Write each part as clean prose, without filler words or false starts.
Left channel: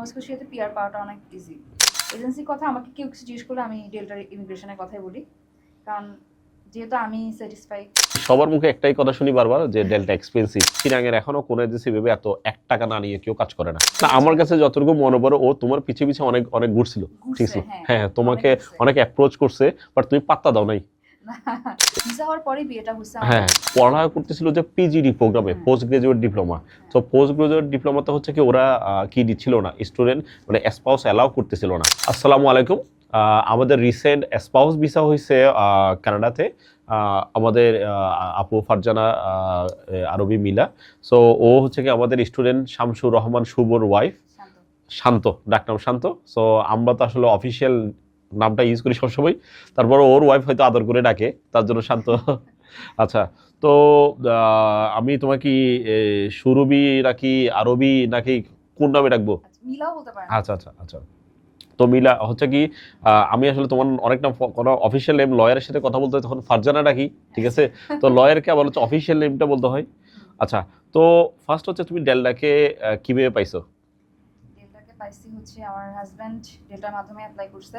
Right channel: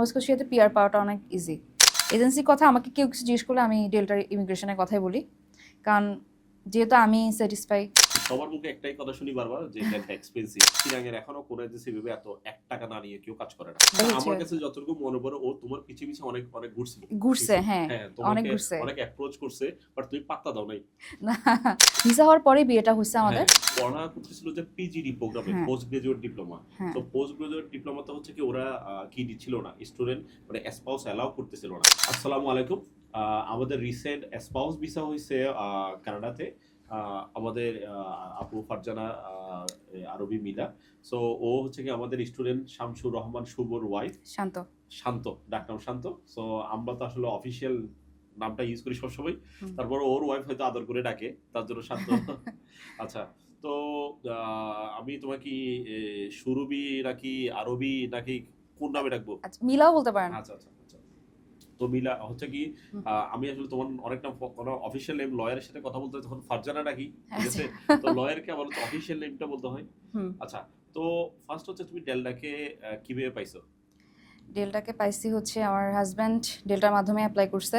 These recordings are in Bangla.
নোভা স্কোশিয়াতে পিআর পাওয়াটা অনেক ইজি। এজেন্সির কথা আমাকে কেউ কিছু জিজ্ঞেস করলে আমি ডেল্টার ইমিগ্রেশনের কথাই বলি, কারণ যেহেতু আমি স্যাটিসফাই। সবার মুখে একটাই কথা শুনি বারবার যে ডেল্টা এক্সপেন্সিভ। চিরাঙের এখনো কোনো এজেন্সি ভেবে এত 1 টাকা না নিয়ে কেউ কাজ করে না। আমার কাছে যতটুকু মনে পড়ে ও তোমার পিছে পিছে অনেক অনেক ঘুরছিল। ঘুরছে, হ্যাঁ হ্যাঁ, তোমাকে অনেক অ্যাপ্রোচ করছে, বাট তুমি পাত্তা দাও নাই। ভিসা হওয়ার পরে বিয়েটা হচ্ছে আমাদের। হ্যাঁ, পড়া করতেছিল যে পিজিডি প্রোগ্রামে, পোস্ট গ্রাজুয়েট ডিপ্লোমা। তো পোস্ট গ্রাজুয়েট ডিপ্লোমাতে হচ্ছে কি ওরা কি দিচ্ছিল না, স্টুডেন্ট মানে স্পাউস অ্যালাউ করতেছিল না। আসসালামু আলাইকুম। আমাদের রিসেন্ট স্পাউস ভিসা হয়েছে কানাডাতে। আমাদের আপু ফারজানা আরবি মিলা। সো ও হচ্ছে কি আমাদের স্টুডেন্ট শামসুর রহমান শুভর ওয়াইফ। শান্ত, ডাকনাম শান্ত। সো আমরা তো আসলে অফিসিয়াল নামটা ইউজ করি সবসময়, তারপর ওর ওয়াইফ হয়তো আদর করে ডাকে, তার জন্য শান্ত। আচ্ছা, তো আমি তোমাকে কি সুরবি নাকি আরবি নাকি কোন নামে ডাকবো? মিলাও বলতে পারেন। আচ্ছা আচ্ছা আচ্ছা। তো মিলা হচ্ছে কি, আমি আসলে তোমার অনেক নাম, কোনো অফিসিয়াল নেম লয়ারের সাথে কথা বলতে হয় তখন ফারজানা ডাকি, ঠিক আছে? তো লয়ারকে আবার হচ্ছে অফিসিয়াল নেমটা বলতে হয়। আচ্ছা, তো ফার্স্ট হচ্ছে তুমি ডেল্টাকে কিভাবে পাইছো? ডেল্টাকে পাইছি হচ্ছে আমার হাজব্যান্ড ডেল্টার মাধ্যমে অ্যাপ্লাই করছে।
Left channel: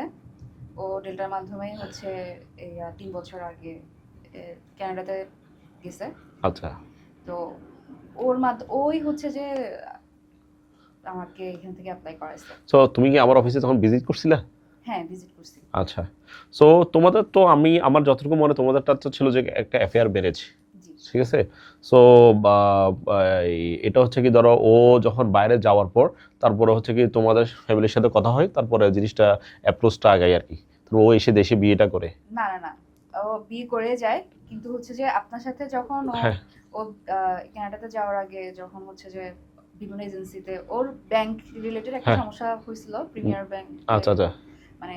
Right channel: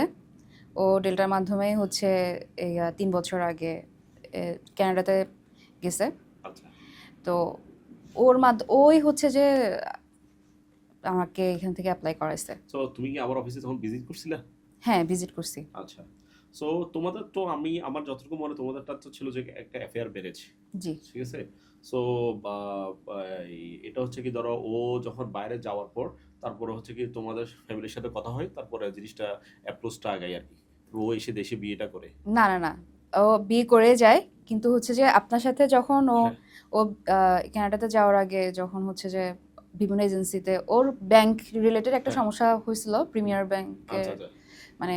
ও ডেল্টার মাধ্যমেই হচ্ছে এই 3 বছর আগে কানাডাতে গেছে। আচ্ছা, তো ওই হচ্ছে যে আমাকে এখান থেকে অ্যাপ্লাই করাইছে। সো তুমি কি আমার অফিসে তখন ভিজিট করছিলা? হ্যাঁ, ভিজিট করছি। আচ্ছা, সো তোমাদের তো আমার যতটুকু মনে তোমাদেরটা তো ছিল যে একটা অ্যাফেয়ার ম্যারেজ, জি, ঠিক আছে? সো এটা হচ্ছে কি, ধরো ও যখন বাইরে যাওয়ার পর তারপরে হচ্ছে কি তোমাদের ফ্যামিলির সাথে কথা হয়, তারপরে জিনিসটা অ্যাপ্রোচটা আগায় আর কি। তো ও এসে দেশে বিয়েটা করে? না না না, ও বিয়ে করে যায়, কিন্তু হচ্ছে যে আপনার সাথে যখন ও কানাডাতে যাওয়ার আগে যখন হচ্ছে যে বিভিন্ন এজেন্সিতে ওর ব্যাংক রিলেটেড একটা সমস্যা হয়েছিল, প্রিমিয়ার ব্যাংক। আচ্ছা আচ্ছা, মানে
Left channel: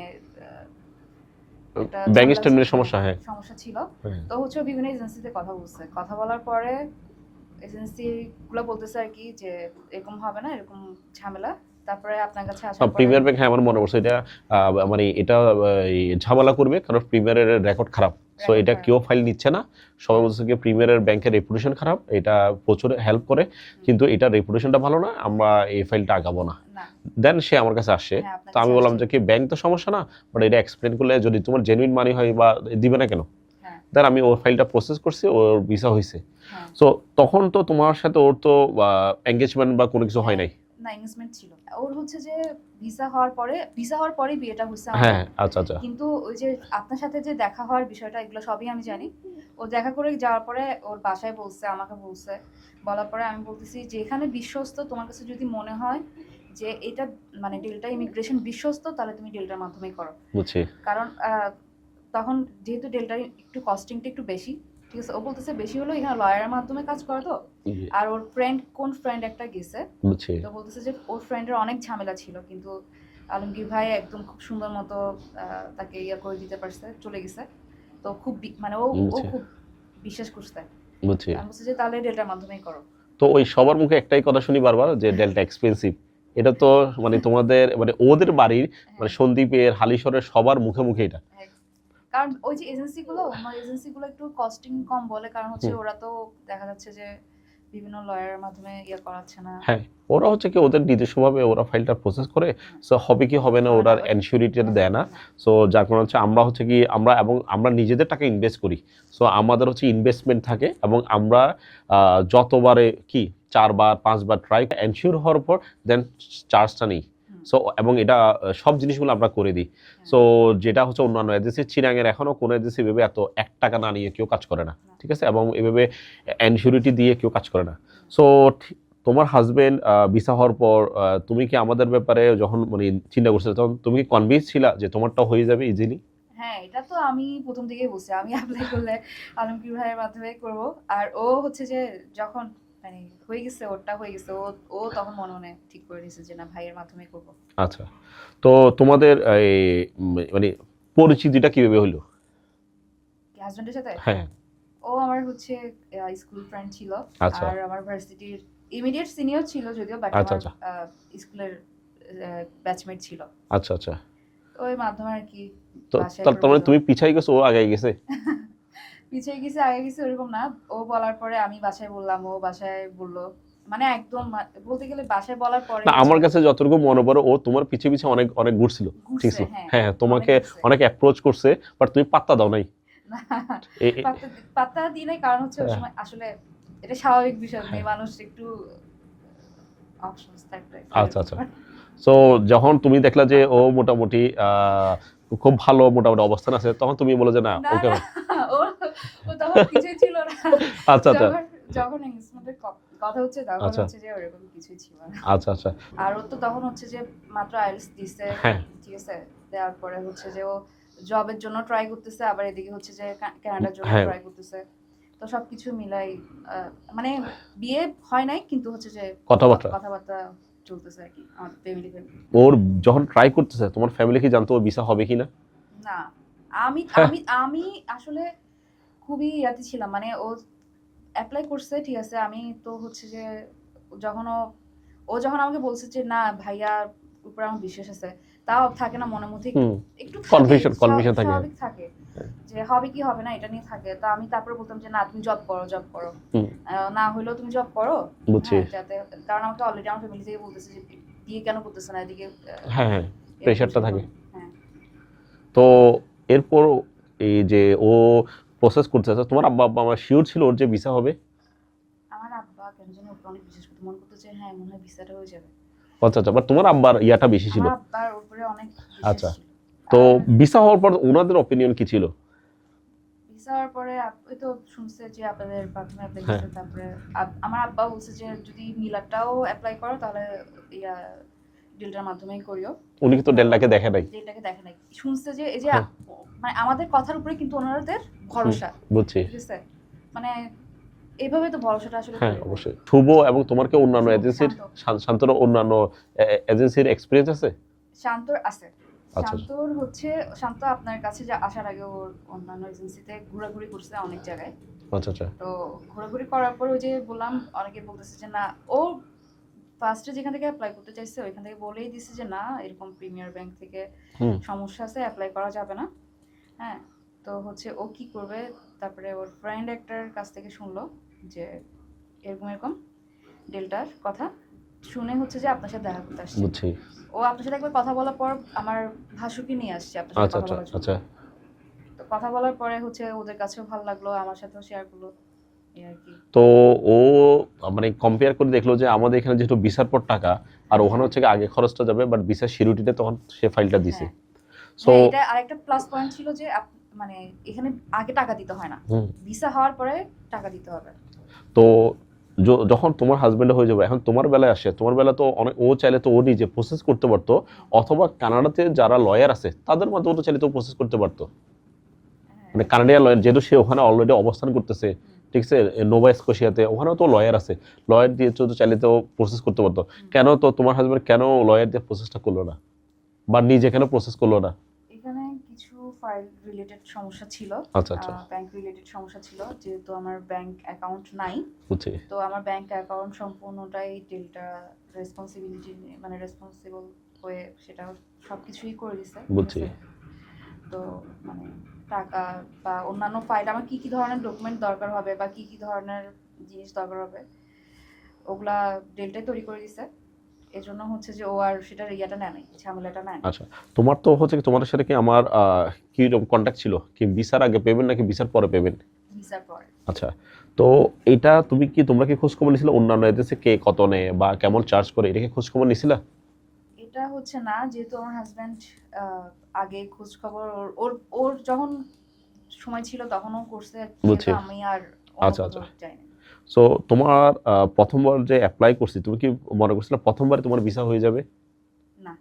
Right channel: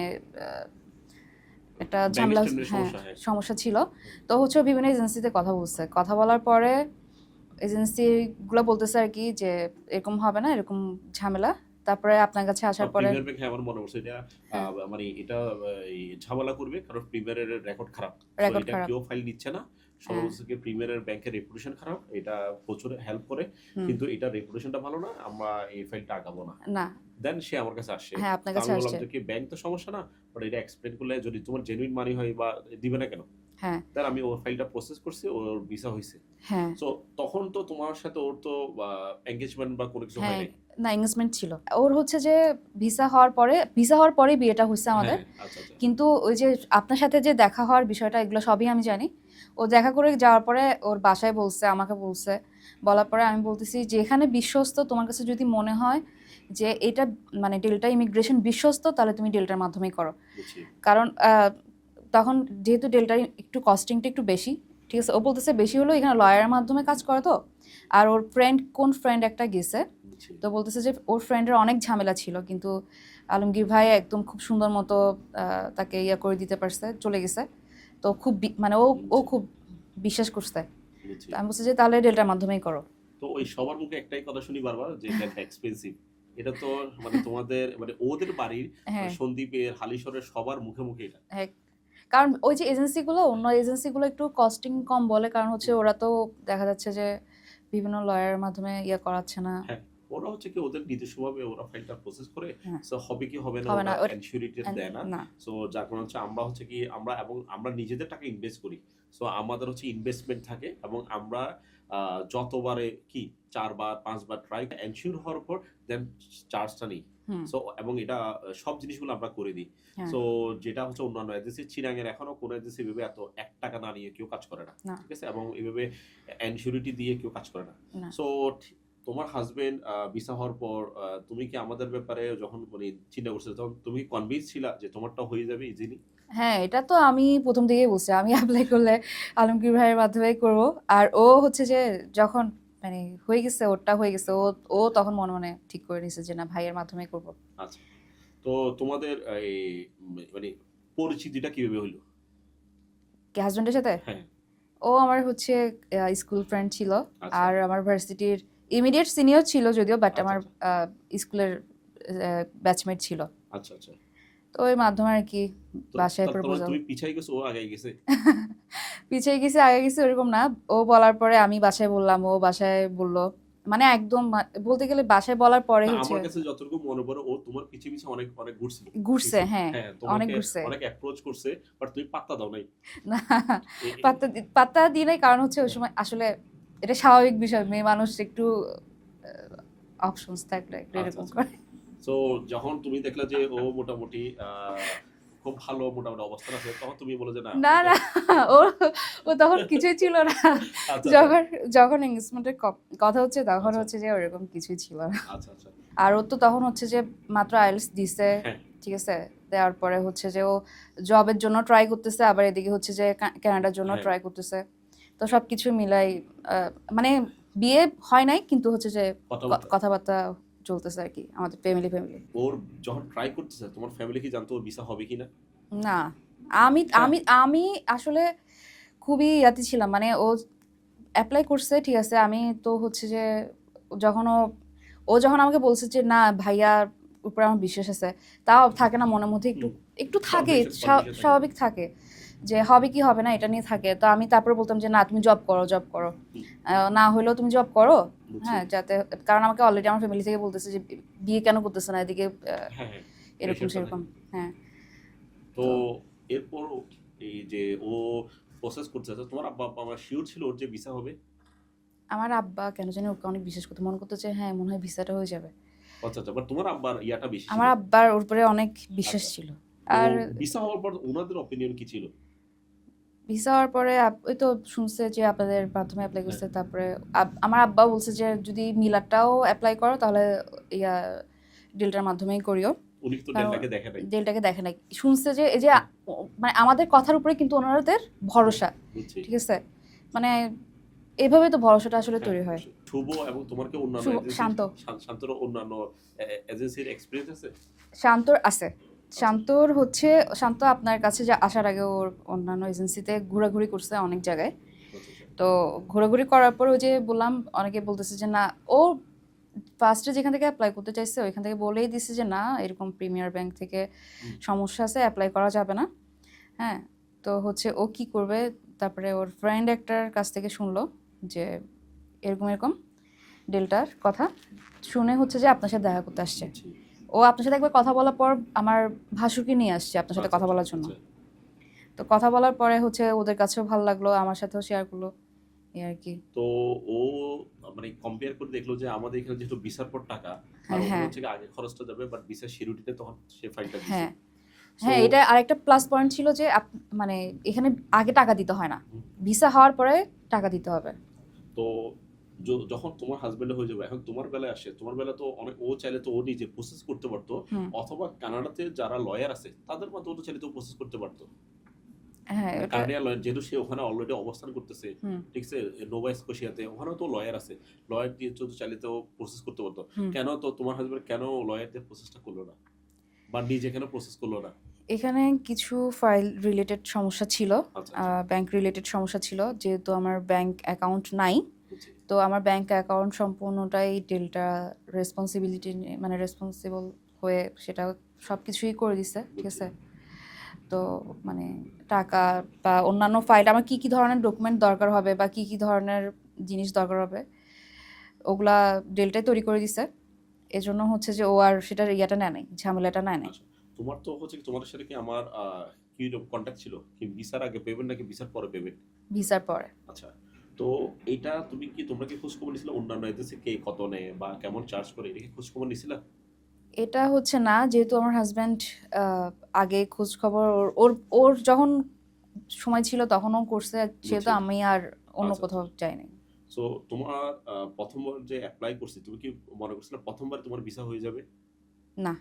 একটা ব্যাংক স্টেটমেন্টের সমস্যা। হ্যাঁ, সমস্যা ছিল। তো হচ্ছে বিভিন্ন এজেন্সিতে কথা বলার পরে এজেন্সিগুলো বলতেছে আর কি যে এরকম হবে না, এরকম ঝামেলা। তারপরে আপনার কাছে আসার পরে প্রিমিয়ার ব্যাংক, হ্যাঁ আমার মনে পড়ছে এটা, মানে এটা ঝামেলা করবে কারণ প্রিমিয়ারের রেকর্ড খারাপ। সো এটা কেউ ফাইল নিচ্ছে না, সবাই বলছে কি প্রিমিয়ারের ব্যাংকের রেপুটেশন খারাপ, এটা প্রচুর হেল্প করে, কিন্তু এটা রেপুটেশনটা ভালো না, আমরা এই ফাইলটা আগাবো না। দেন সে আমার কাছে আসে, তো আমি বললাম যে কি ব্যাংক তো সমস্যা না, বাট এটা এক্সপ্লেন করলে যদি তোমার জেনুইন মানি হয় বা দিবে না কেন। দেন আমি ওর ফাইলটা প্রসেস করছি, ওর ভিসা হয়েছে। সো তখন তো তোমার সাথে ওর তো এঙ্গেজমেন্ট বা কোনো কিছু হয় নাই? না, এঙ্গেজমেন্ট ছিল। ওর হচ্ছে যে ভিসা হওয়ার পরে বিয়েটা হচ্ছে আমাদের। আচ্ছা আচ্ছা। কিন্তু ওই যে আপনার সাথে যে দেখা হওয়ার বিষয়টা, এগুলো সবই আমি জানি। ও দেখা করে যাওয়ার পরে ওর বাসায় বলছে, আমাকে বলছে, বলার পরে আমি বলতেছি যে এখানে বিশ্বস্ত, তোমার কাছে যদি মনে হয় যে এটা মানে ডেল্টা ইমিগ্রেশন বিশ্বস্ত, তাহলে তুমি ডেল্টার মাধ্যমেই করো। বুঝছি। কারণ তখন যেহেতু ডেল্টার একটু কস্টিংটা একটু বেশি, ঠিক আছে? ও বলতেছে বেশি হলো, এখানে লয়ারের মাধ্যমে কাজ করে তো। আর ওর কোন ফ্রেন্ড একটা গেছে, তো বলতেছে যে ওর ফ্রেন্ডের অনেক ঝামেলা ছিল, কিন্তু আলমগীর ভাই একদম খুব সুন্দর মতো তাকে করে দিতে পারছে, চলে গেছে। তো খুব মানে ও খুব বিশ্বাস করছে। আমি বলছি যে তাহলে ডেল্টার মাধ্যমেই করো। তো ওই সবার মুখে একটাই কথা শুনি বারবার যে ডেল্টা এক্সপেন্সিভ। এটা তো মানে তোমাদের মানে ওদের বাড়ির মানে সন্দীপের, হালিশহরের সবার মুখে মুখে এটা। কারণ ওই যে অন্য এজেন্সিগুলো একটু কস্টিং কম বলে, কারণ হচ্ছে ওরা তো দেখা যাচ্ছে যে বিভিন্ন লয়ারের মাধ্যমে করাচ্ছে না। হ্যাঁ, ওরা হচ্ছে কি ওদের নিজস্বভাবে ওরা ফাইলটা প্রসেস করে, সো হবে কি হবে না ওরা এনশিওরিটিটা দেয় না। সো যার কারণে হচ্ছে আমরা হচ্ছে কি আমরা নিজেদের টাকা ইনভেস্ট করি। সো আমাদের হচ্ছে ইনভেস্টমেন্ট থাকে, এবং আমরা যতবারে কি 4 বার 5 বার ট্রাই এনশিওর হওয়ার পর দেন চার্জটা নেই। সো এবং এটা সব জিনিসগুলো আমরা করে দিই। সো যেটা হচ্ছে অন্যান্য এজেন্সি, চিরাঙের এখনো কোনো এজেন্সি ভেবে এত 1 টাকা না নিয়ে কেউ কাজ করে না, ঠিক আছে? এবং এভাবে এনশিওরিটি দিয়ে কেউ কাজ করে না। সো তোমার হাজবেন্ড ভিসা হওয়ার পর তুমি কি আমাদের ব্যাপারে যখন মানে চিন্তা করছো, তখন তুমি কি কনভিন্স ছিলা যে তোমারটাও হয়ে যাবে ইজিলি? হ্যাঁ, এটা তো আমি প্রথম থেকেই বলছি, আমি অ্যাপ্লাই করলে আলমগীর ভাইয়ের মাধ্যমেই করব। আর ও হচ্ছে যে যখন মানে হয়ে গেছে, ওরটা হয়ে গেছে, ও তখন মনে মনে ঠিক করে নিয়েছে যে না, ভাইয়ের মাধ্যমেই করব। আচ্ছা, তো তোমাদের এই মানে পরিচিতিটা কিভাবে হলো? কি হাজবেন্ডের সাথে? হ্যাঁ, ও আমার হচ্ছে স্কুল ফ্রেন্ড ছিল, আর আমার ভার্সিটির ইমিডিয়েট সিনিয়র ছিল যদিও, বাট আমার স্কুলের ব্যাচমেট ছিল। আচ্ছা আচ্ছা। তো ওই মাধ্যমে আর কি বাসায় তার মানে তুমি পিছাই গেছো, ও আগে গেছে? পিছিয়ে গেছে আগে গেছে ওরকম না, ও বলার পরে আমি বাসায় বললাম, ও বাসায় বলল, মানে একদম বলতে গেলে বাসায় বলার পরে আমার কাছে যতটুকু মনে পড়ে ও তোমার পিছে পিছে অনেক অনেক ঘুরছিল, ঘুরছে। হ্যাঁ হ্যাঁ তোমাকে ঘুরছে। অনেক অ্যাপ্রোচ করছে, বাট তুমি পাত্তা দাও নাই। না, পাত্তা দিই নাই, কারণ হচ্ছে ওই সময় আসলে এটা স্বাভাবিক বিষয়, মেয়ে মানুষ একটু অপশনস থাকলে আচ্ছা আচ্ছা। সো যখন তুমি দেখলা যে ও মোটামুটি খুব ভালো মোটামুটি অবস্থান আছে, তখন তুমি বলে যে না না ওকে। না ও ও তখন কিছুই ছিল না। আচ্ছা আচ্ছা যখন এনগেজমেন্টের কথা হচ্ছে তখন আচ্ছা হচ্ছে যে ওরকম কিছুই ছিল না। আচ্ছা আচ্ছা। আর ও তো তখন হচ্ছে যে মাত্র আইএলটিএস দিছে, হ্যাঁ ঠিক আছে, দেওয়ার পরে হচ্ছে যে ও জবের জন্য ট্রাই করতেছে, আবার এদিকে হচ্ছে যে কানাডার জন্য হ্যাঁ ট্রাই করতেছে। তো সবকিছু মিলাই মানে বিয়ে হয় নাই, কিন্তু হচ্ছে যে কথাবার্তা চলতেছে আর কি আমাদের ফ্যামিলি। ওর যখন ট্রাই করতেছে তোমার ফ্যামিলি কি জানতো ওর ভিসা হবে কিনা? না, আমি আমি আমি আসলে খুবই ইয়াতে ছিলাম, মানে ও অ্যাপ্লাই করছে, ঠিক আছে, আমি তো হচ্ছে যে যখন ও যখন আমাকে বলছে যে না ভাইয়ার উপর আমার বিশ্বাস আছে, তাও থাকে না মনের মধ্যে একটু একটু থাকে, কনফিউশন থাকে। স্বাভাবিক থাকে যে হবে কি হবে না এটা নিয়ে থাকে। তো আমি তারপরে বলতাম যে না তুমি জব করো, না হলেও তুমি জব করো, হ্যাঁ, যাতে, কারণ আমাকে অলরেডি আমার ফ্যামিলি থেকে বলতেছে যে বিয়ে কেন করতেছে না, এদিকে হ্যাঁ হ্যাঁ প্রেশারটা থাকে। হ্যাঁ। তো এরপর এই যে ও প্রসেস করতেছে, তোমার আব্বা আব্বা আমার শিওর ছিল ওর যে ভিসা হবে? আমার আব্বা কেন জানি ওকে অনেক বিশ্বাস করতো, মনে করতো যে হ্যাঁ মনে হয় ভিসাটা হয়ে যাবে। আচ্ছা আচ্ছা, বাট তোমার আব্বার ইয়াটা বেশি ছিল? আমার আব্বার ওর উপরে অনেক বিশ্বাস ছিল। তো ভিসা হওয়ার পর ওনাদের অপিনিয়ন কি ছিল? ভিসা হওয়ার পরে ওই তো শুনছে যে আপনাদের প্রথমে অ্যাপ্লাই করছে, তারপরে আমার আব্বা বলছে যে যদি মিলারটাও অ্যাপ্লাই করো তাহলে ইয়া ডিলটার মাধ্যমেই করিও। উনি তো ডেলটাকে দেখে নাই? ডিলটাকে দেখে নাই, শুনছে যে এই যে মানে আমাদের কথার উপরে কিন্তু ওনাদের ভরসা, বুঝছি, ঠিক আছে, মানে এইভাবে তো ভরসাটা আসলে তৈরি হয়। শুভ এবং তোমার কি অন্যান্য এজেন্সির, শান্তর অন্যান্য এজেন্সির এক্সপেরিয়েন্স আছে? শান্তর আছে, শান্তর হচ্ছে শান্ত আপনার কাছে যে আসার আগে ওর অন্যান্য এজেন্সিতে ঘোরাঘুরি করছে অনেক জায়গায়। আচ্ছা আচ্ছা। তো ঘোরাঘুরি করার পর ওই যে বললাম অনেকে বলতেছে যে না, ও ফার্স্টে যেখান থেকে অ্যাপ্লাই করতে চাইছে ওইখান থেকে বলেই দিছে যে না এরকম প্রিমিয়ার ব্যাংক থেকে সমস্যা আছে, অ্যাপ্লাই করা যাবে না। হ্যাঁ, তো হচ্ছে ও কি করবে, তারপরে ওর ফ্রেন্ড একটার কাছ থেকে শুনলো যে এরকম ডিলটার কথা, শুনে হচ্ছে যে আপনার সাথে দেখা করতে আসছে। ও আপনার সাথে একবার কথা বলার পর আমার ভাসুরকে নিয়ে আসছে আপনার সাথে কথা বলার জন্য। তো কথা বলার পরে হচ্ছে ওদের কাছেও ভালো লাগলো, আমার সাথেও শেয়ার করলো, এই আর কি। তো ও মানে কম্পেয়ার করে দেখলো যে আমাদের এখানে যেহেতু ভিসার পর টাকা, আর ওখানে হচ্ছে আগে খরচটা যাবে, বাট ভিসার সিকিউরিটিতে তখন সে ফাইলটা দিছে। হ্যাঁ, এটা আরেকটা প্লাস পয়েন্ট ছিল যে মানে এখানে আগে টাকা দিতে হয় না, ভিসা হওয়ার পরে টাকা দিতে হবে। তো যখন তোমার হাজবেন্ড হয়ে যাবে, এখন তোমার বেলায় আসে, তোমার বেলা তো অনেক, ও চাইলে তো ও নিজে প্রসেস করতে পারতো, অথবা কানাডাতে যারা লয়ার আছে তাদের মাধ্যমে তো চাইলে তো প্রসেস করতে পারতো। মানে কানাডিয়ান লয়ার, যেহেতু সে ওখানে অলরেডি অবস্থান করতেছে, ঠিক আছে, নোভা স্কোশিয়াতে, ওখানেও তো লয়ার আছে, লয়ার দিয়ে তো চাইলে তো প্রসেস করতে পারতো। কেন তো তোমার হাজবেন্ড কেন লয়ার দিয়ে প্রসেসটা করলো না, বা নিজে কেন প্রসেস করলো না? এখানে কিছু ফাইল রিলেটেড সমস্যা ছিল, ব্যাংক রিলেটেড সমস্যা ছিল, যেহেতু আমার ব্যাংক অ্যাকাউন্ট নাই, তো আমার ব্যাংক অ্যাকাউন্ট সম্পূর্ণটাই ডিলটা রেসপন্সিবিলিটি, মানে রেসপন্সিবল হয়ে সেটা সবকিছুই করে দিছে, ঠিক আছে। তো মানে টাকা বা অন্যান্য ফাইল, আমার কি কি ধরনের ডকুমেন্ট দরকার হবে বা কি কি ধরনের জিনিস দরকার হবে ওগুলা ডিলটাই তৈরি করে দিছে। এজন্য হচ্ছে যে ও আর সেটার ইয়াটা নেয় নাই, ঝামেলাটা নেয় নাই। আচ্ছা, তোমার তো হচ্ছে তোমাদের সাথে কি আমার কি রকম কন্টাক্ট ছিল, কি ভিসার আগে পেমেন্ট নাকি ভিসার পরে পেমেন্ট? ভিসার পরে। আচ্ছা, তো এটা তোমরা কি খোঁজ খবর নিছিলে অন্যান্য এজেন্সি কে কত নেয় বা কেমন চার্জ করে, এটা কি খোঁজ খবর নিছিলা? এটা হচ্ছে না, যেহেতু আমার হাজব্যান্ড আগে খোঁজ খবর ওর যখন সময় ছিল তখনও করছে, যেহেতু আমি আর অন্য কোথাও যাই নাই। সো তোমার প্রথমবার যে অ্যাপ্লাই করছি, তুমি কি মনে করছিলে প্রথমবারে তোমার ভিসা হয়ে যাবে? না,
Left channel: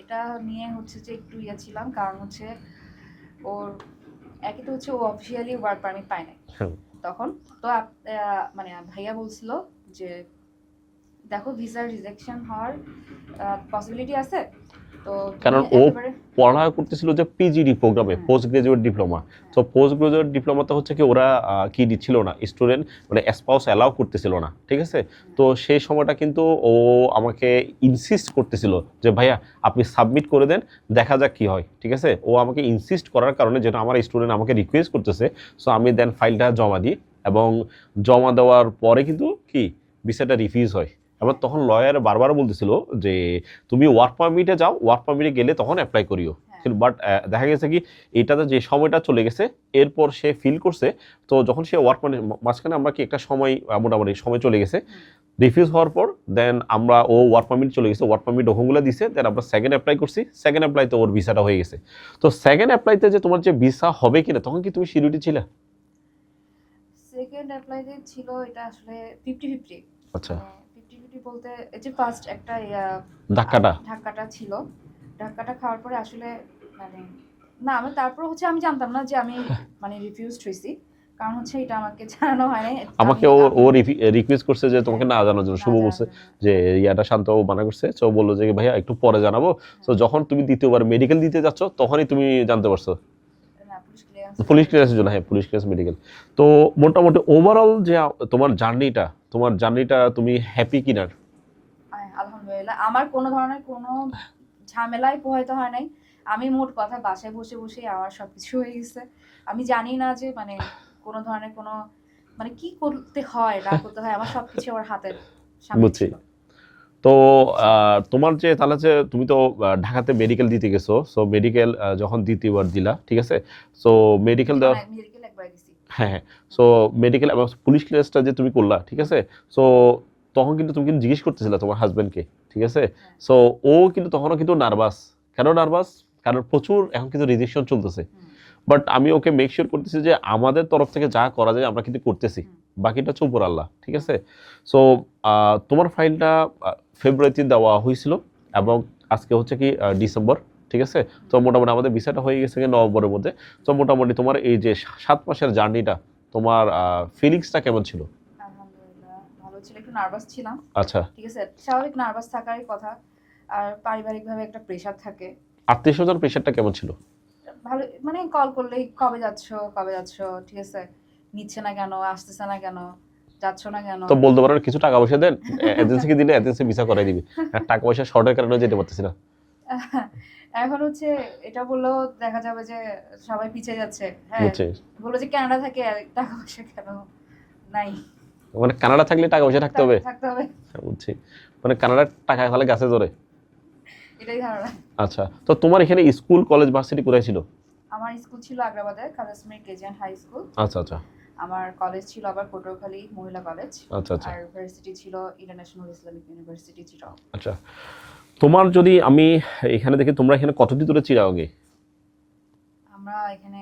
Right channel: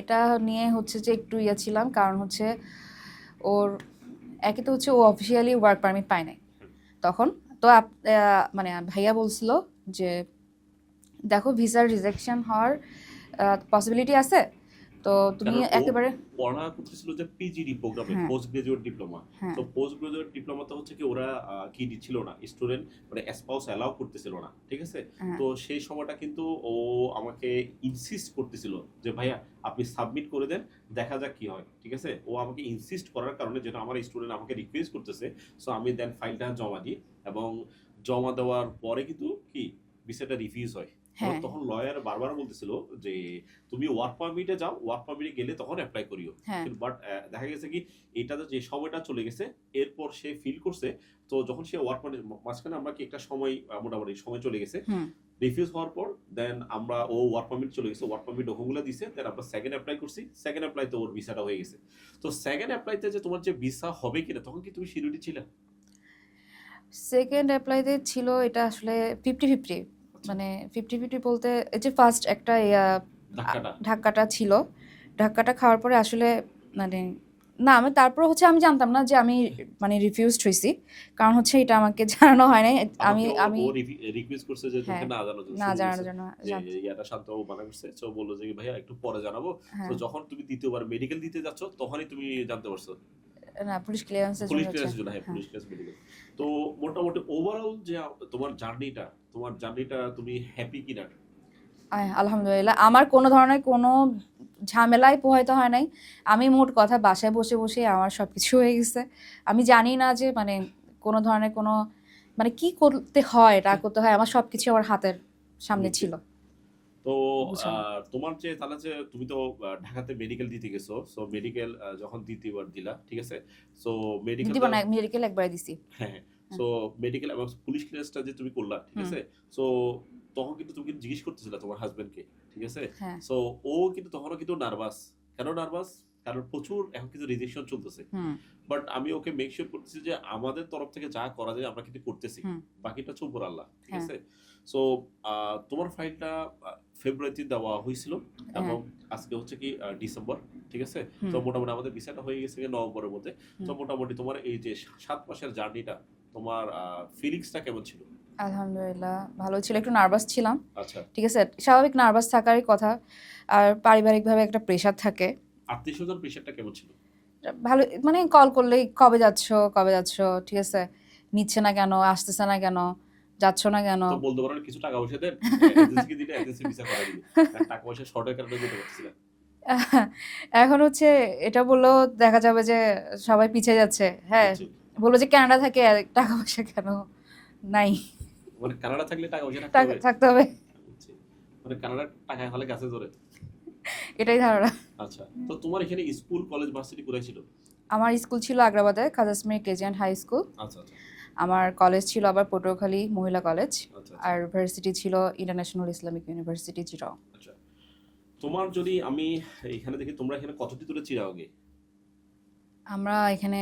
এটা নিয়ে হচ্ছে যে একটু ইয়া ছিলাম, কারণ হচ্ছে ওর একে তো হচ্ছে ও অফিসিয়ালি ওয়ার্ক পারমিট পায় নাই তখন। তো মানে ভাইয়া বলছিল যে দেখো ভিসার রিজেকশন হওয়ার পসিবিলিটি আছে, তো তুমি একেবারে পড়া করতেছিল যে পিজিডি প্রোগ্রামে, পোস্ট গ্রাজুয়েট ডিপ্লোমা। তো পোস্ট গ্রাজুয়েট ডিপ্লোমাতে হচ্ছে কি ওরা কি দিচ্ছিল না, স্টুডেন্ট মানে স্পাউস অ্যালাউ করতেছিল না, ঠিক আছে। তো সেই সময়টা কিন্তু ও আমাকে ইনসিস্ট করতেছিল যে ভাইয়া আপনি সাবমিট করে দেন, দেখা যাক কি হয়, ঠিক আছে। ও আমাকে ইনসিস্ট করার কারণে, যেটা আমার স্টুডেন্ট আমাকে রিকোয়েস্ট করতেছে, সো আমি দেন ফাইলটা জমা দিই, এবং জমা দেওয়ার পরে কিন্তু কি ভিসাটা রিফিউজ হয়, আবার তখন লয়ার বারবার বলতেছিল যে তুমি ওয়ার্ক পারমিটে যাও, ওয়ার্ক পারমিটে গেলে তখন অ্যাপ্লাই করিও। কিন্তু বাট দেখা গেছে কি এটাতে যে সময়টা চলে গেছে, এরপর সে ফিল করছে, তো যখন সে ওয়ার্ক পারমিট মাঝখানে আমরা কি একটা সময় মোটামুটি সময় চলে গেছে, রিফিউজ হওয়ার পর দেন আমরা ও ওয়ার্ক পারমিট চলে গেছে, ওয়ার্ক পারমিট ডকুমেন্টগুলো দিছে, দেন আমরা সেকেন্ড অ্যাপ্লাই করছি, সেকেন্ড অ্যাপ্লাইতে ওর ভিসাটা হয়ে গেছে। তো সেকেন্ড অ্যাপ্লাইতে যে তোমার যে ভিসা হবে কিনা তখন কি তুমি সিরিটি ছিলে? সেকেন্ড অ্যাপ্লাইতে ছিল এটা আসলে 50-50, মানে 50-50 বলতে এই যে ফার্স্ট একটা ধাক্কাটা ছিল, ধাক্কাটা খাওয়ার পরে আসলে মানে না আমি তারপর হচ্ছে আমি জানতাম না যে আমি মানে রিফিউজড হইছি, কারণ হচ্ছে এটা আমাকে জানানো হয় নাই। আমাকে ও রিকোয়েস্ট করছে যে তোমাকে না জানানোর জন্য, শুভ বলছে যে ইয়াটা শান্ত মানা করছে, তো বললো যে ভাইয়া একটু পরে জানাবো। তো যখন তুমি দ্বিতীয়বার মেডিকেল দিতে যাচ্ছ তখনই তুমি জানতে পারছো? না, পুলিশ ক্লিয়ারেন্সের জন্য, হ্যাঁ পুলিশ ক্লিয়ারেন্স মেডিকেল। তো মোটামুটি ওভারঅল যে তোমার জার্নিটা তুমি হ্যাপি কিনা? আলহামদুলিল্লাহ, আমার কোনো ধরনের কোনো ঝামেলায় পোহাইতে হয় নাই। আমি মোট কথা বাসায় বসে বসে আমার সবকিছু হয়ে গেছে। আমি জানি না যে মানে কোনো ধরনের কোনো মানে কি করতে হয় না করতে হয়, আমার সবকিছু আমার হাতের সামনে ছিল। তো তোমার যে তাহলে যে তুমি তো ঢাকাতে মেডিকেল দিতে গেছো, সো মেডিকেল যখন দ্বিতীয়বার দিলা, ঠিক আছে, সো মেডিকেল একবার দিছি, হ্যাঁ, সো মেডিকেল এবং পুলিশ ক্লিয়ারেন্সটা যে তুমি করলা, ঠিক আছে, সো তখন কিন্তু তুমি কিন্তু জিজ্ঞেস করতেছিলা তোমার হাজবেন্ডকে, ঠিক আছে, সো ও কিন্তু তখনও কিন্তু নার্ভাস। কেন নার্ভাস? কারণ প্রচুর এখন কিন্তু রিজেকশন চলতেছে, বাট আমি ওকে মেক শিওর করতেছি যে আমাদের তরফ থেকে যা করা যায় আমরা কিন্তু করতেছি, বাকিটা হচ্ছে উপর আল্লাহ, ঠিক আছে। সো তোমার ফাইলটা ফেব্রুয়ারিতে দেওয়া হয়েছিল এবং আজকে হচ্ছে কি ডিসেম্বর, ঠিক আছে, তো মোটামুটি আমাদের ভিসাটা হয়ে গেছে নভেম্বরের মধ্যে। তো মোটামুটি তোমার এই যে 7 মাসের জার্নিটা, তোমার ফিলিংসটা কেমন ছিল? আলহামদুলিল্লাহ ভালো ছিল, একটু নার্ভাস ছিলাম, আচ্ছা, ঠিক আছে, স্বাভাবিক নার্ভাস থাকারই কথা, আর পারিবারিকভাবে একটা প্রেশার থাকে। আত্মীয়স্বজন প্রেশারটা কেমন ছিল? ভালো, মানে কল করলেই কবে যাচ্ছ, ঠিক আছে, নিচ্ছে না কেন, আসতেছে না কেন, যাচ্ছ না কেন, তো বলতে পারো কিছু টাকা পয়সা দেন, এজেন্সিকে দিলে এজেন্সি ভিসা করে দিবি, টাকা পয়সা শর্টের কারণে যেতে পারতেছি না। এখন হচ্ছে এটা বললেও দেখা যাবে যে সবাই পিছিয়ে যাচ্ছে। হ্যাঁ, বললো যে কানাডা থেকে টাকা পয়সা কেন নাই, মানে কানাডা থাকলে টাকা পয়সা থাকতে হবে, বুঝছি, মানে কানাডার টাকা তাহলে গাছে ধরে, এটাই ধারণা। আচ্ছা, তো তোমার এখানে স্কুল কলেজ ভার্সিটি কোথায় ছিল? আমার স্কুল ছিল আগ্রাবাদে খাজাসমির কেজিএন হাই স্কুল। আচ্ছা। আমার কলেজ ছিল আবার পটুয়াখালী মহিলা কলেজ। আচ্ছা। আর ইউনিভার্সিটি ছিল ইন্টারন্যাশনাল ইসলামিক ইউনিভার্সিটি চিটাগং। আচ্ছা, তোমার যদি আমি এখানে দেখি তোমরা এখানে কতদিন ধরে চিটাগংয়ে? আমরা এখানে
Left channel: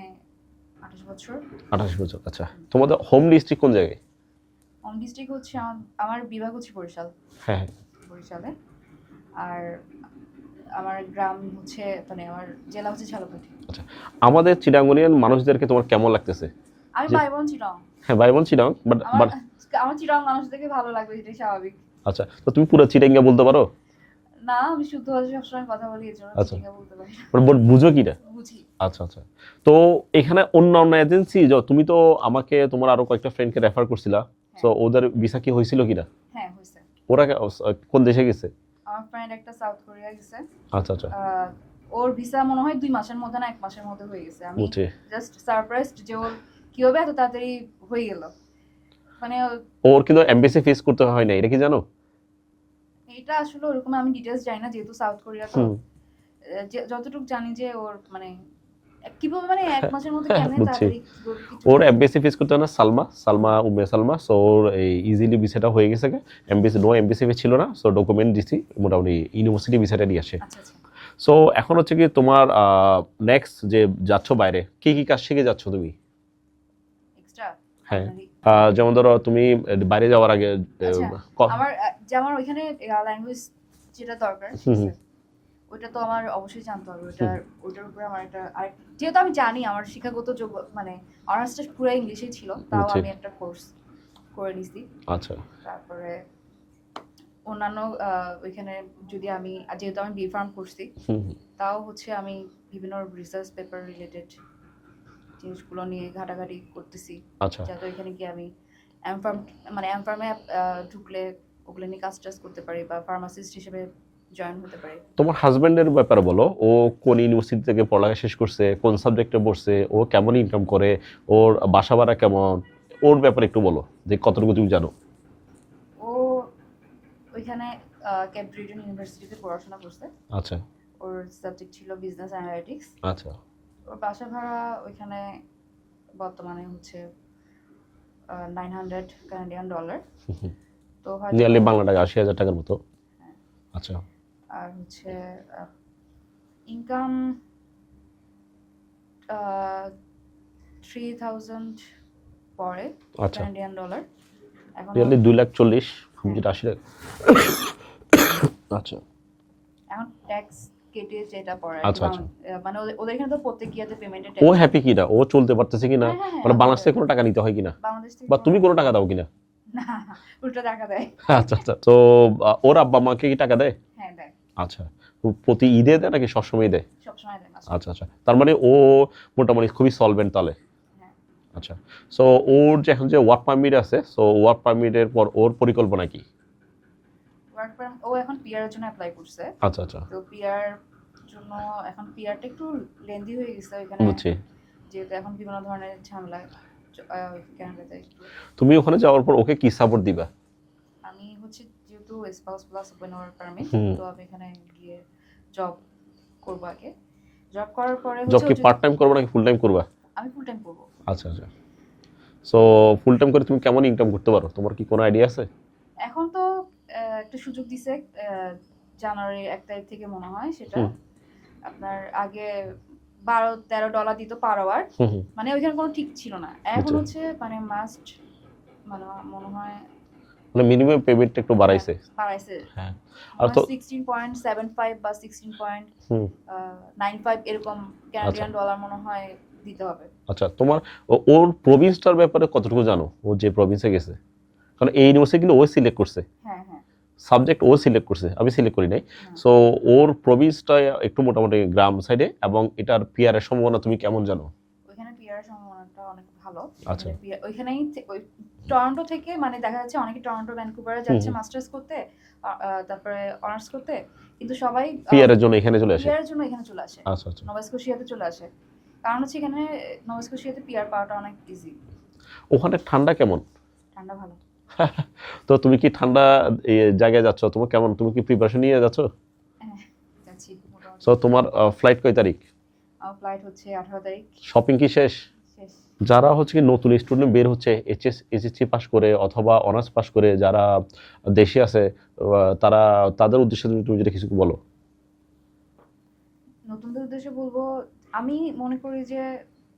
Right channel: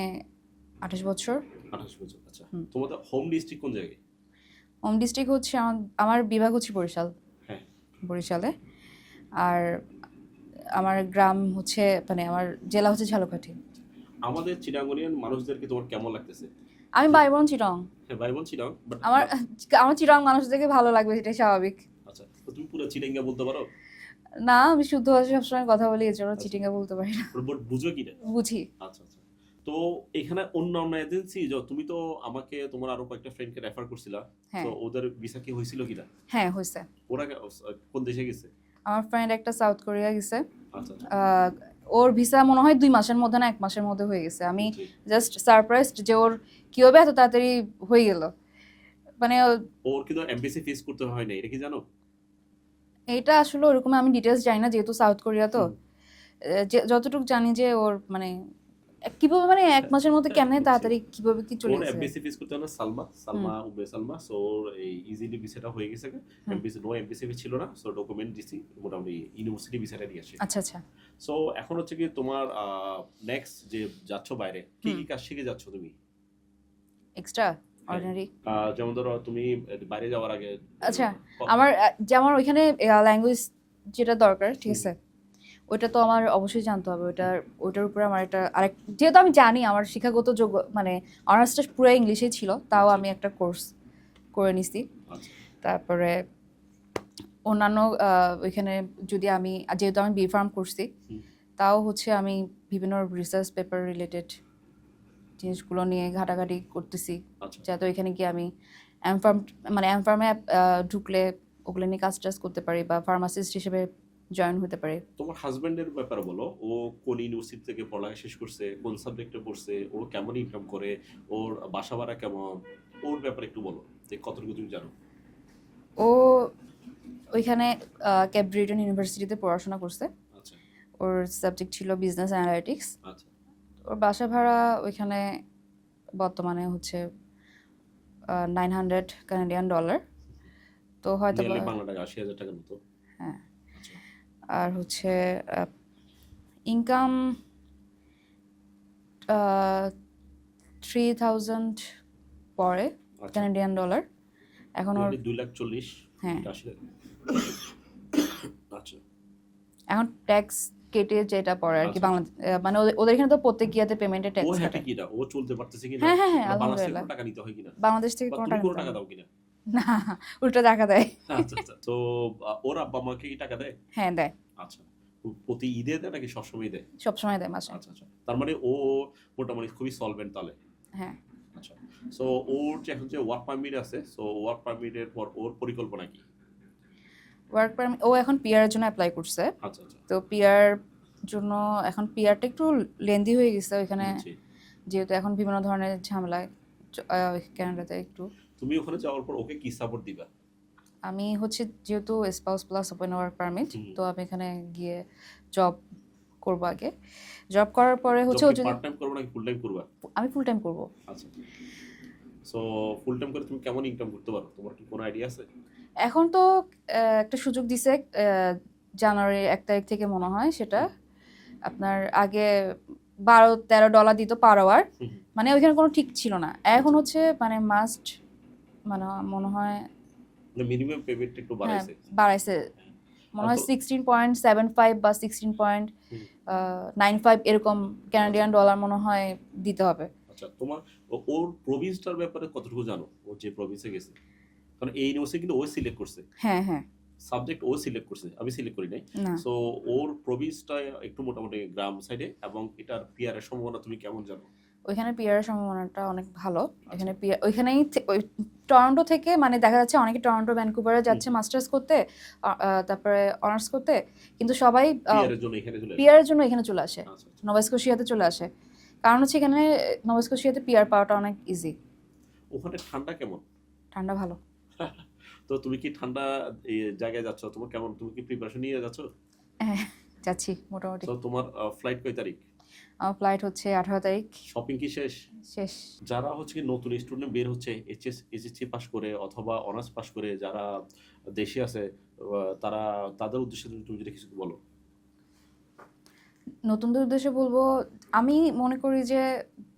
28 বছর। 28 বছর, আচ্ছা। তোমাদের হোম ডিস্ট্রিক্ট কোন জায়গায়? হোম ডিস্ট্রিক্ট হচ্ছে আমার বিভাগ হচ্ছে বরিশাল। হ্যাঁ, বরিশালে। আর আমার গ্রাম হচ্ছে মানে আমার জেলা হচ্ছে ঝালকাঠি। আচ্ছা, আমাদের চিটাগংয়ের মানুষদেরকে তোমার কেমন লাগতেছে? আমি বাইবন চিটাগং। হ্যাঁ, বাইবন চিটাগং, বাট আমার চিটাগং মানুষদেরকে ভালো লাগবে, এটাই স্বাভাবিক। আচ্ছা, তো তুমি পুরো চিটাঙ্গা বলতে পারো? না, আমি শুদ্ধ ভাষায় সবসময় কথা বলি, এজন্য চিটাঙ্গা বলতে পারি না। বুঝো কিনা? বুঝি। আচ্ছা। তো এখানে অন্য এজেন্সি, তুমি তো আমাকে তোমার আরো কয়েকটা ফ্রেন্ডকে রেফার করছিলা, তো ওদের ভিসা কি হয়েছিল কিনা? হ্যাঁ, হয়েছে। ওরা কোন দেশে গেছে? আমার ফ্রেন্ড একটা সাউথ কোরিয়া গেছে। আচ্ছা। ওর ভিসা মনে হয় 2 মাসের মধ্যে না 1 মাসের মধ্যে হয়ে গেছে। আমি জাস্ট সারপ্রাইজড যে ওর কিভাবে এত তাড়াতাড়ি হয়ে গেল। মানে ওর কিন্তু এমবাসি ফেস করতে হয় না, এটা কি জানো? এটা আসলে ওরকম আমি ডিটেইলস জানি না, যেহেতু সাউথ কোরিয়া, তো যতটুকু জানি যে ওর মানে কিভাবে মানে 1 মাসের মধ্যে কেমনে তাড়াতাড়ি কিভাবে কি চলে। ওর এমবাসি ফেস করতে হয় না, সালমা উম্মে সালমা, সো ওর এই ইজিলি ভিসাটা হয়ে গেছে। এমবাসি ফেস ছিল না, সো ডকুমেন্ট দিছি, মোটামুটি ইউনিভার্সিটি ভিসাটা নিয়ে আসে। আচ্ছা। সো এখন হচ্ছে কি তোমার নেক্সট যে যাচ্ছ বাইরে, কি কাজ শিখে যাচ্ছ তুমি এক্সট্রা? যেমন ধরো তুমি বাইরে যাওয়ার আগে আমার ওইখানে ল্যাঙ্গুয়েজ যেটা দরকার, ঠিক আছে, ওইটা তো আমার অবশ্যই জানতে হবে। ওইটার উপরে আমার আরেক, যেহেতু আমি জানি আমার শিক্ষাগত যোগ্য মানে অনার্সটা পুরো ইংলিশেই ছিল, তাও আমি একটা কোর্স করে নিছি। আচ্ছা, তারপরে অন্যান্য ওইখানে যদি আমি, যেহেতু আমি বি.ফার্ম করছি, তাও হচ্ছে আমি বিভিন্ন রিসার্চ পেপার রিলেটেড জিনিসগুলো নিয়ে ঘাটাঘাটি করতেছি, যাতে ওইখানে গিয়ে আমি এমফার্মে ঢুকলে ওগুলো নিয়ে কাজ করতে পারি বা ফার্মাসিস্ট হিসেবে জয়েন হতে পারি। তোমার হাজবেন্ডের ব্যাপারে বলো, ও কোন ইউনিভার্সিটি থেকে পড়ালেখা শেষ করছে, কোন সাবজেক্টে পড়ছে, ও কেমন ইনকাম করে, ওর বাসা ভাড়া কেমন, ওর ব্যাপারে একটু বলো যে কতটুকু তুমি জানো। ও ওইখানে কেপ ব্রিটন ইউনিভার্সিটিতে পড়াশোনা করছে। আচ্ছা ওর সাবজেক্ট ছিল বিজনেস অ্যানালিটিক্স। আচ্ছা ওর বাসা ভাড়া ওইখানে বর্তমানে হচ্ছে $900 কানাডিয়ান ডলার। তো হয়তো নিয়ারলি বাংলা টাকা 80,000 টাকার মতো। হ্যাঁ। আচ্ছা আর হচ্ছে ইনকাম 3,000 পরে আচ্ছা কানাডিয়ান ডলার। এখন নিয়ারলি 2,40,000 হ্যাঁ। কি 80 টাকা। আচ্ছা এখন ট্যাক্স কেটে যেটা পড়ে আর কি আচ্ছা, মানে ওদের এখানে তো প্রত্যেক ইয়াতে পেমেন্টের ও ট্যাক্স। হ্যাপি কিনা, ও চলতে পারতেছে কিনা, হ্যাঁ, হ্যাঁ, মানে বাংলাদেশ থেকে কোনো আলহামদুলিল্লাহ। টাকা নিতে হয় কিনা, বাংলাদেশ থেকে বা তুমি কোনো টাকা দাও কিনা? না, উল্টো টাকা দেয়। আচ্ছা আচ্ছা। তো ওর আব্বা মাকে কি টাকা দেয়? হ্যাঁ দেয়, আচ্ছা, প্রতি ঈদে দেয় নাকি সবসময় দেয়? সবসময় দেয় মাসে। আচ্ছা আচ্ছা, তার মানে ও মোটামুটি খুবই সলভেন্ট তাহলে। হ্যাঁ। আচ্ছা, সো ওর যে এখন যে ওয়ার্ক পারমিট আছে, সো ওয়ার্ক পারমিটের পর ওর পরিকল্পনা কি? ওয়ার্ক পারমিট ও এখন পিআর এর জন্য অ্যাপ্লাই করছে। আচ্ছা আচ্ছা, তো পিআর জন্য এখন পিআরটা একটু লেন্দি হয়ে গেছে ওইখানে, বুঝছি। যেহেতু এখন বিভিন্ন ধরনের ঝামেলা কানাডাতে একটু। তুমি ওখানে যাওয়ার পর ওকে কি সাপোর্ট দিবা? আমি হচ্ছে যেহেতু spouse plus open work permit, hmm. তো আমি এখানে গিয়ে জব করবো আগে। জব করার পরে জব হচ্ছে কি পার্ট টাইম করবে নাকি ফুল টাইম করবা? আমি ফুল টাইম করবো। আচ্ছা আচ্ছা। সো ফুল টাইম করে তুমি কেমন ইনকাম করতে পারো, তোমার কি কোনো আইডিয়া আছে? এখন তো একটা সুযোগ দিছে জানুয়ারি 1 তারিখ থেকে মনে হয়, সেটা আপনার আগে $12-13 দিত পার আওয়ার। হুম হুম, মানে ওইখানে কোনো ঠিক ছিল না। এখন আচ্ছা। হচ্ছে মানে মাস্ট, মানে মনে হয় মানে মিনিমাম পেমেন্টটা একটু বাড়াইছে। বাড়াইছে। হ্যাঁ, মনে আর হয় তো 16.75 বা হুম 16.95 এরকম কানাডিয়ান ডলার মনে হয় দিতে হবে। আচ্ছা, তোমার ওর প্রভিন্সটার ব্যাপারে কতটুকু জানো, ও যে প্রভিন্সে গেছে? কারণ এই ইউনিভার্সিটি কিন্তু ও সিলেক্ট করছে, হ্যাঁ হ্যাঁ। সাবজেক্ট ও সিলেক্ট করছে, আমি সিলেক্ট করি নাই। না, সো ওর প্রভিন্সটা একটু মোটামুটি গ্রাম সাইডে, এবং এটার পিআর এর সম্ভাবনা তুমি কেমন জানো? ওইখানে পিআর সম্ভাবনাটা অনেক ভালো। আচ্ছা। এখানে পিআর ওইখানেই ওই টরন্টো থেকে মানে দেখা যাচ্ছে অনেকে টরন্টো ভ্যানকুভারে যাচ্ছে মাস্টার্স করতে, তারপরে অনার্স করতে, কিন্তু সবাই পিআর এর জন্য এখানে চলে আসে। পিআর এর জন্য এখানে চলে আসে, আচ্ছা আচ্ছা। নোভা স্কোশিয়াতে চলে আসে। কারণ হচ্ছে এখানে নোভা স্কোশিয়াতে পিআর পাওয়াটা অনেক ইজি। ওখানে ঠান্ডা কেমন? ঠান্ডা ভালো। তো তুমি কি ঠান্ডা জায়গায় যাচ্ছ, তোমার কেমন, তুমি কি প্রিপারেশন নিয়ে যাচ্ছ? হ্যাঁ, যাচ্ছি মোটামুটি। তো তোমার ফ্লাইট কয় তারিখ? আমার ফ্লাইট হচ্ছে 18 তারিখ। শপিং কি শেষ? শেষ। যারা হচ্ছে কি নতুন স্টুডেন্ট বের হচ্ছে, এইচএসসি পাস করে অথবা অনার্স পাস করে যারা দেশে আছে, তারা তাদের উদ্দেশ্যে তুমি যদি কিছু বলো। নতুনদের উদ্দেশ্যে বলবো, আমি মনে করি যে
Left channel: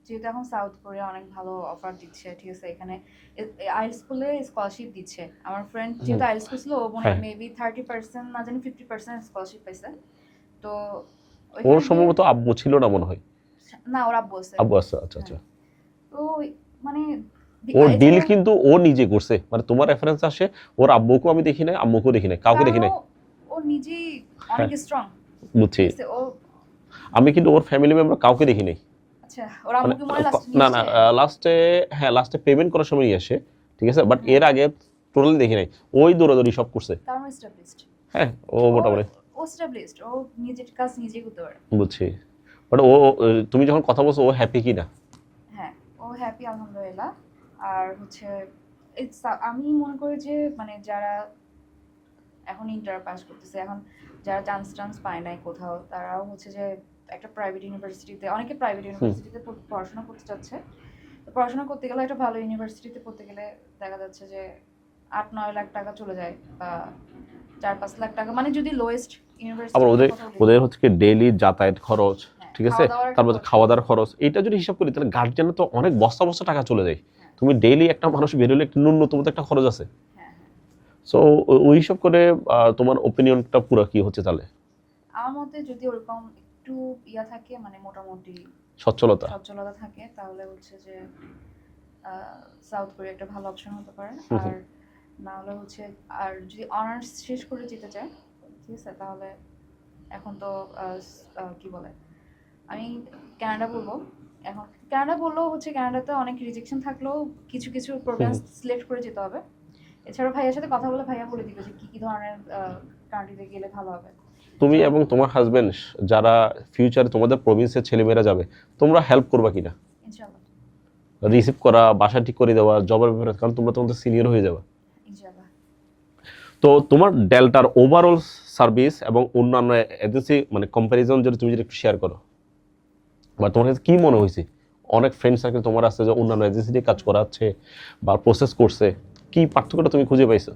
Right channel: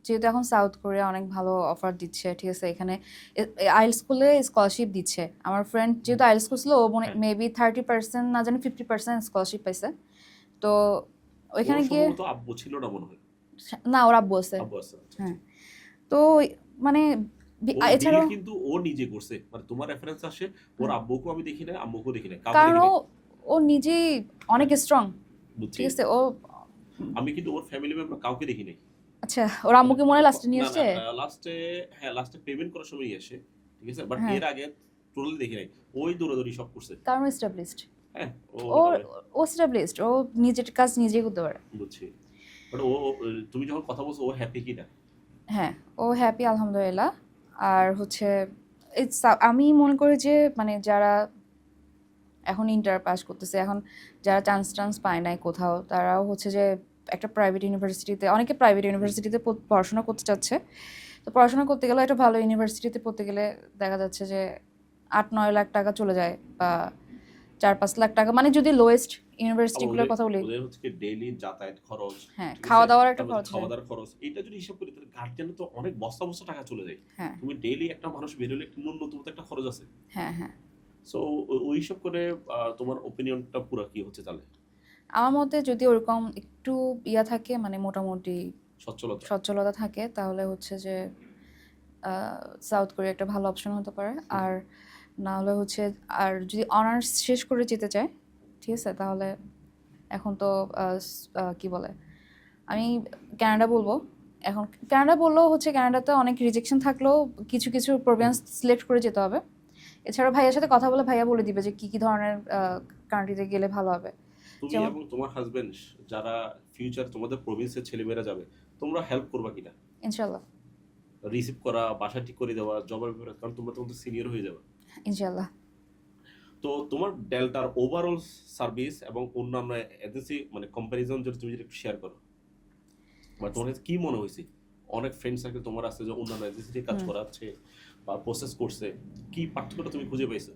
যেহেতু এখন সাউথ কোরিয়া অনেক ভালো অফার দিচ্ছে, ঠিক আছে, এখানে আইএলটিএস স্কুলে স্কলারশিপ দিচ্ছে। আমার ফ্রেন্ড যেহেতু আইএলটিএস করছিল, ও মনে হ্যাঁ। মেবি 30% না জানি 50% স্কলারশিপ পাইছে। তো ওর ওইখানে গিয়ে সম্ভবত আব্বু ছিল না মনে হয়। না, ওর আব্বু আছে। আব্বু আছে, আচ্ছা আচ্ছা। তো মানে ওর ডিল এছাড়াও কিন্তু ও নিজে করছে, মানে তোমার রেফারেন্স আসে, ওর আব্বুকেও আমি দেখি নাই, আম্মুকেও দেখি নাই, কাউকে দেখি কারণ নাই। ও নিজেই অনেক স্ট্রং, বুঝছি, ঠিক আছে। ও আমি কিন্তু ওর ফ্যামিলি মেম্বার কাউকে দেখি নাই। আচ্ছা, ওর আম্মুকে মনে লাস্টে নিয়ে না না, আসছে। লাস্টে, হ্যাঁ লাস্টে পেমেন্ট করার সময় নিয়ে আসে, ঠিক আছে, বাট হ্যাঁ। এর আগে টোটালি দেখি নাই। ওই দৌড়াদৌড়ি সব করছে। কারণ এস্টাবলিশড, হ্যাঁ, ও মোটামুটি ও এস্টাবলিশড, ও নিজের কাজ নিজেই করতে পারে। বুঝছি, বাট তুমি যখন কথা বলছো, ও হ্যাপি কিনা? হ্যাঁ, ও হ্যাপি আলহামদুলিল্লাহ। আর হচ্ছে আমি মনে করি যে মানে যারা এখন ইন্টার পাস করতেছে, এখন যারা চান্স পায় নাই কোথাও, তারাও হচ্ছে যে একটা প্রাইভেট ইউনিভার্সিটিতে, অনেকে প্রাইভেট ইউনিভার্সিটিতে পড়াশোনা করতে চাচ্ছে। তো পড়াশোনা করতে গেলে একটা ভালো ইউনিভার্সিটিতে পড়তে গেলে দেখা যাচ্ছে যে 8-9 লাখ টাকা চলে যায়, বা 4-5 লাখ টাকা, মানে যদি লোয়েস্ট আবার ইউনিভার্সিটিগুলোর কথা বলি। ওদের হচ্ছে কি ডেইলি যাতায়াত খরচ, হ্যাঁ, ঠিক আছে, খাওয়া দাওয়ার একটা তারপর খরচ। খাওয়া দাওয়ার খরচ, এটা যদি হিসাব করি তাহলে গার্জিয়ানের তো অনেক বস্তা বস্তা টাকা চলে যায়। হ্যাঁ তুমি ডেইলি একটা মানুষ বেরোলে একটা ন্যূনতম তো একটা খরচ আছে। হ্যাঁ হ্যাঁ। সো ওই হিসাব করে তোমার ওপিনিয়নটা পুরো কি হচ্ছে তাহলে? আমার মতে যদি ওরকম একটু ইয়া থাকে, মানে মোটামুটি সচ্ছলতা। সচ্ছলতা থাকে, তাহলে হচ্ছে যে সাউথ কোরিয়া একটা ভালো অপশন হতে পারে। আর না হলে হচ্ছে, আর যদি অনার্স শেষ করে যেতে চায়, ঠিক আছে, তাহলে এখন তো কি বলে, আমি কানাডা বলবো। এখন কানাডা বললেও হচ্ছে কানাডাতে অনেক রিজেকশন থাকলেও কিছু কিছু প্রোগ্রাম সিলেক্ট করে যেতে হবে। এছাড়া ভাইয়ার সাথে কথা বলে ভাইয়া বলে দিবে যে কি কি ধরনের কান্ট্রিতে গেলে ভালো হবে। তুমি যেমন- এবং তোমার হাজবেন্ড যারা ফিউচারে তোমাদের প্রভিন্সের ছেলেমেয়েরা যাবে, তোমরা হেল্প করবা কিনা? ইনশাল্লাহ। রিসিভ করা, বাসা ঠিক করে দেওয়া, জবের ব্যাপারে, কারণ তোমরা তোমাদের সিনিয়র হয়ে যাবে। ইনশাল্লাহ। তো তোমার ডেল্টার ওভারঅল সার্ভিস এবং অন্যান্য এজেন্সি মানে কম্প্যারিজন যদি তুমি যদি একটু শেয়ার করো, বা তোমার কাছে কি মনে হয়েছে? অনেক ফ্রেন্ড সার্কেল তোমার আছে যে অন্যান্য এজেন্সি দিয়ে কাজ করাচ্ছে বা প্রসেস করছে, কি পার্থক্যটা তুমি খুঁজে পাইছো?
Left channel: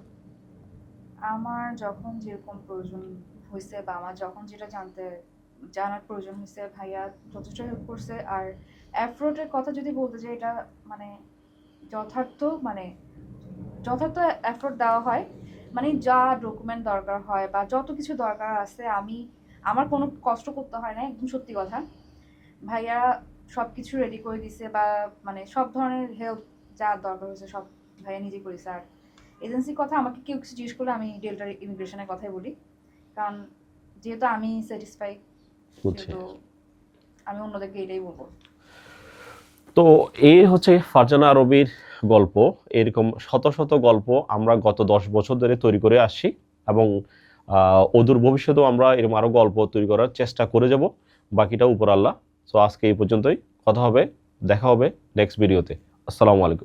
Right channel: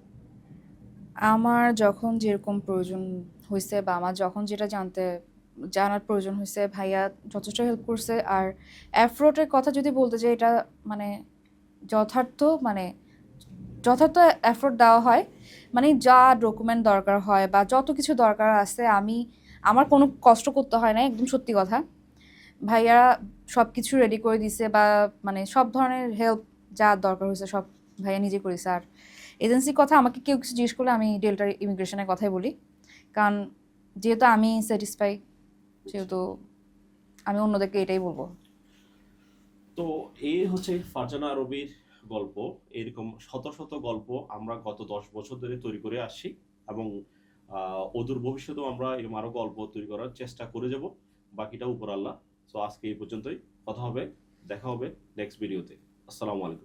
আমার যখন যেরকম প্রয়োজন হয়েছে বা আমার যখন যেটা জানার প্রয়োজন হয়েছে, ভাইয়া যথেষ্ট হেল্প করছে। আর অ্যাফ্রোটের কথা যদি বলতে চাই, এটা মানে যথার্থ মানে যথার্থ এফোর্ট দেওয়া হয়। মানে যা ডকুমেন্ট দরকার হয় বা যত কিছু দরকার আছে, আমার কোনো কষ্ট করতে হয় না, একদম সত্যি কথা। ভাইয়া সব কিছু রেডি করে দিছে, বা মানে সব ধরনের হেল্প যা দরকার হয়েছে সব ভাইয়া নিজে করেছে। আর এজেন্সির কথা আমাকে কেউ কিছু জিজ্ঞেস করলে আমি ডেল্টার ইমিগ্রেশনের কথাই বলি, কারণ যেহেতু আমি স্যাটিসফাই, সেহেতু আমি অন্যদেরকে এটাই বলবো। তো এই হচ্ছে ফারজানা আরবির গল্প। এরকম শত শত গল্প আমরা গত 10 বছর ধরে তৈরি করে আসছি, এবং অদূর ভবিষ্যতেও আমরা এরকম আরো গল্প তৈরি করার চেষ্টা করে যাব। বাকিটা উপর আল্লাহ। তো আজকে এই পর্যন্তই, কথা হবে, দেখা হবে নেক্সট ভিডিওতে। আসসালামু আলাইকুম।